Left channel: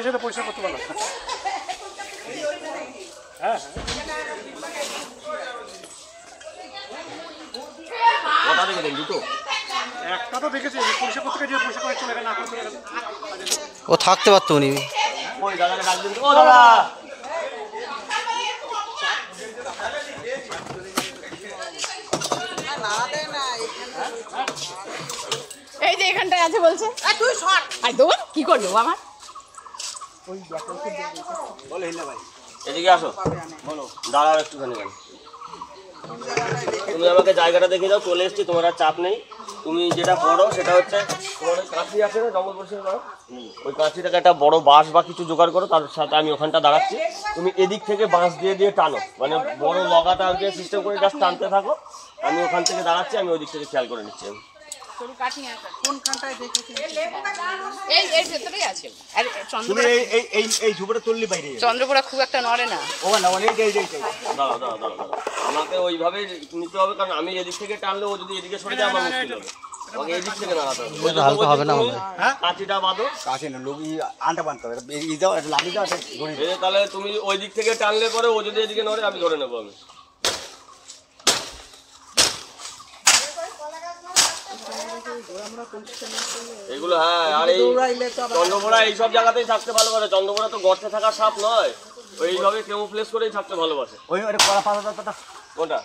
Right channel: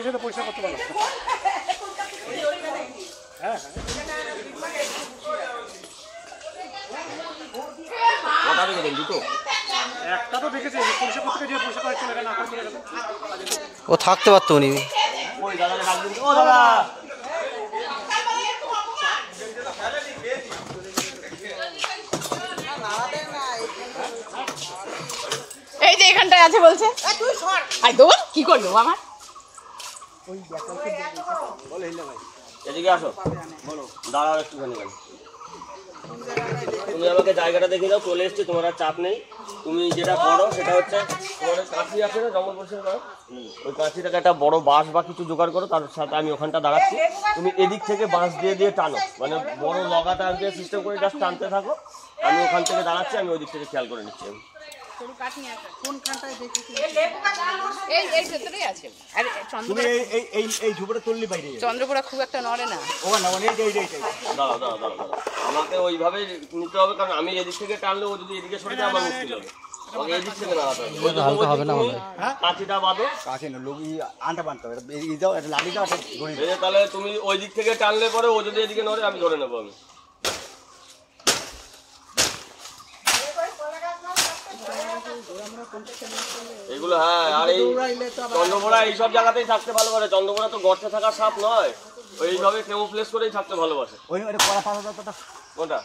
এসে পরিষ্কার করতে পারো। হ্যাঁ দুটো একটা তো দেখেছি পরিষ্কার করতে গিয়ে পরিষ্কার করে চলে গেল, না চলে গেল। ও থাকতে পারতো উনি। ওই দাদাকে ডাক দিন। ও দাদা এই যে এখানটায় আছে বলছে তুই সর দৌড় কি করলো আমার এদিকে আসো, বলো দাঁড়ান একটুখানি। তুমি আমাকে জায়গাটা দেখে দাও, চলে এসছি, তোমার আর চাপ নেই। তুমি যেটা করো সেটা হচ্ছে তোমার কাঁচি আছে না জঙ্গল পরিষ্কার করো, ওই কাঁচিটাকে একটা বড় বাঁশ বা কিছু জোগাড় করো, তার সাথে আমি ওখানটা দাঁড়াচ্ছি। তুমি এদিক থেকে বাঁশ দিয়ে দিয়ে টানো, মানে বড় লগাটা দিয়ে সিস্টেম করে জাস্ট টানতে থাকো। আমি ওখান থেকে দাঁড়াচ্ছি, আমি ওই দিক থেকে খেয়াল করে নিচ্ছি। চন্দ্রপুরা খুব একটা নড়ে না। আমাকে ওইভাবে নিতে হবে, কারণ আমি এদিক থেকে টানলে ও যদি এদিকে সরে যায় আমার মুশকিল হবে। আমাকে এদিক থেকে নাড়াতে হবে। কাঁচিটা বাঁধো, তাহলে তুমি ওই দিক থেকে টানলে পরে ও যদি এদিকে নড়ে আমি ধরে নেবো। আমি এগুলো হ্যাঁ, আর এই চন্দ্রপোড়া এইসব জায়গাতেই থাকতে ভালোবাসে। চন্দ্রপোড়া তো গর্তে থাকা সাপ নয়, এইভাবে কেমোফ্লেজ করেই থাকতে ভালোবাসে। কোনটা?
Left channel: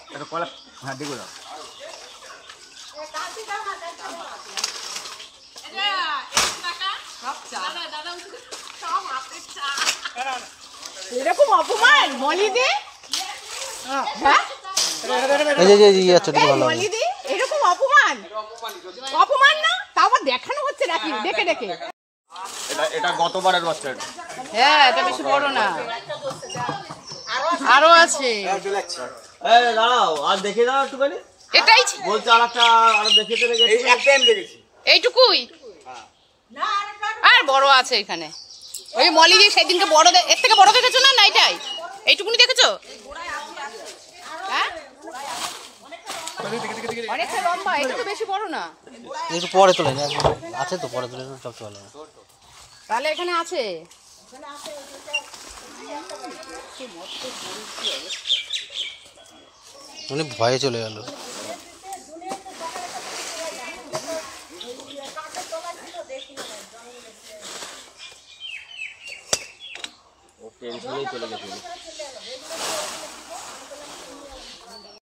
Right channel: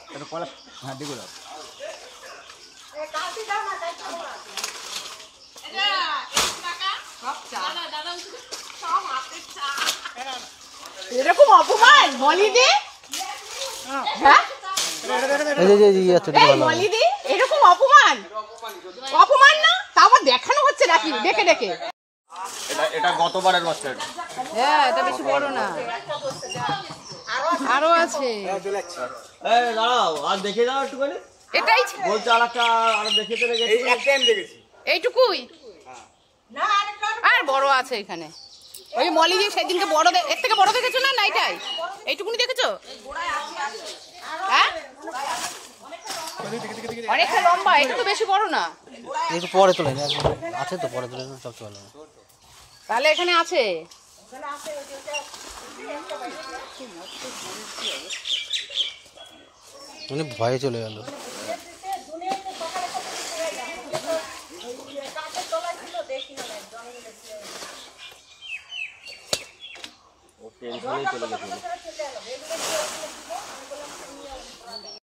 এরকম অপমান মলিদি, হ্যাঁ মলিদি এরকম অপমান, অপমান না তা আবার দেখানো হচ্ছে নাকি দেখে দেখে। এটা গতবারের বাচ্চা। হ্যাঁ এটা বেশি বড় না, আরো আছে। দাঁড়াও আর দেখে দাও একটুখানি। এটাই বলছে আর একটা আরো দেখেতে এইটুকুই, আর বড় আছে এখানে। ওই মলিদি সেদিনকে বড়, এর থেকে বড় দেখেছো না? এটাই এইটুকুনি দেখেছো? অনেকটা লম্বা, এটা তো বেশি বড় না। একটু পরে তুলে আছে তো, পরে তুলে সব চলে। তাহলে এখানে আছে। উনি ভয়ে চলে গেল। টেনশনেই চলে গেছে।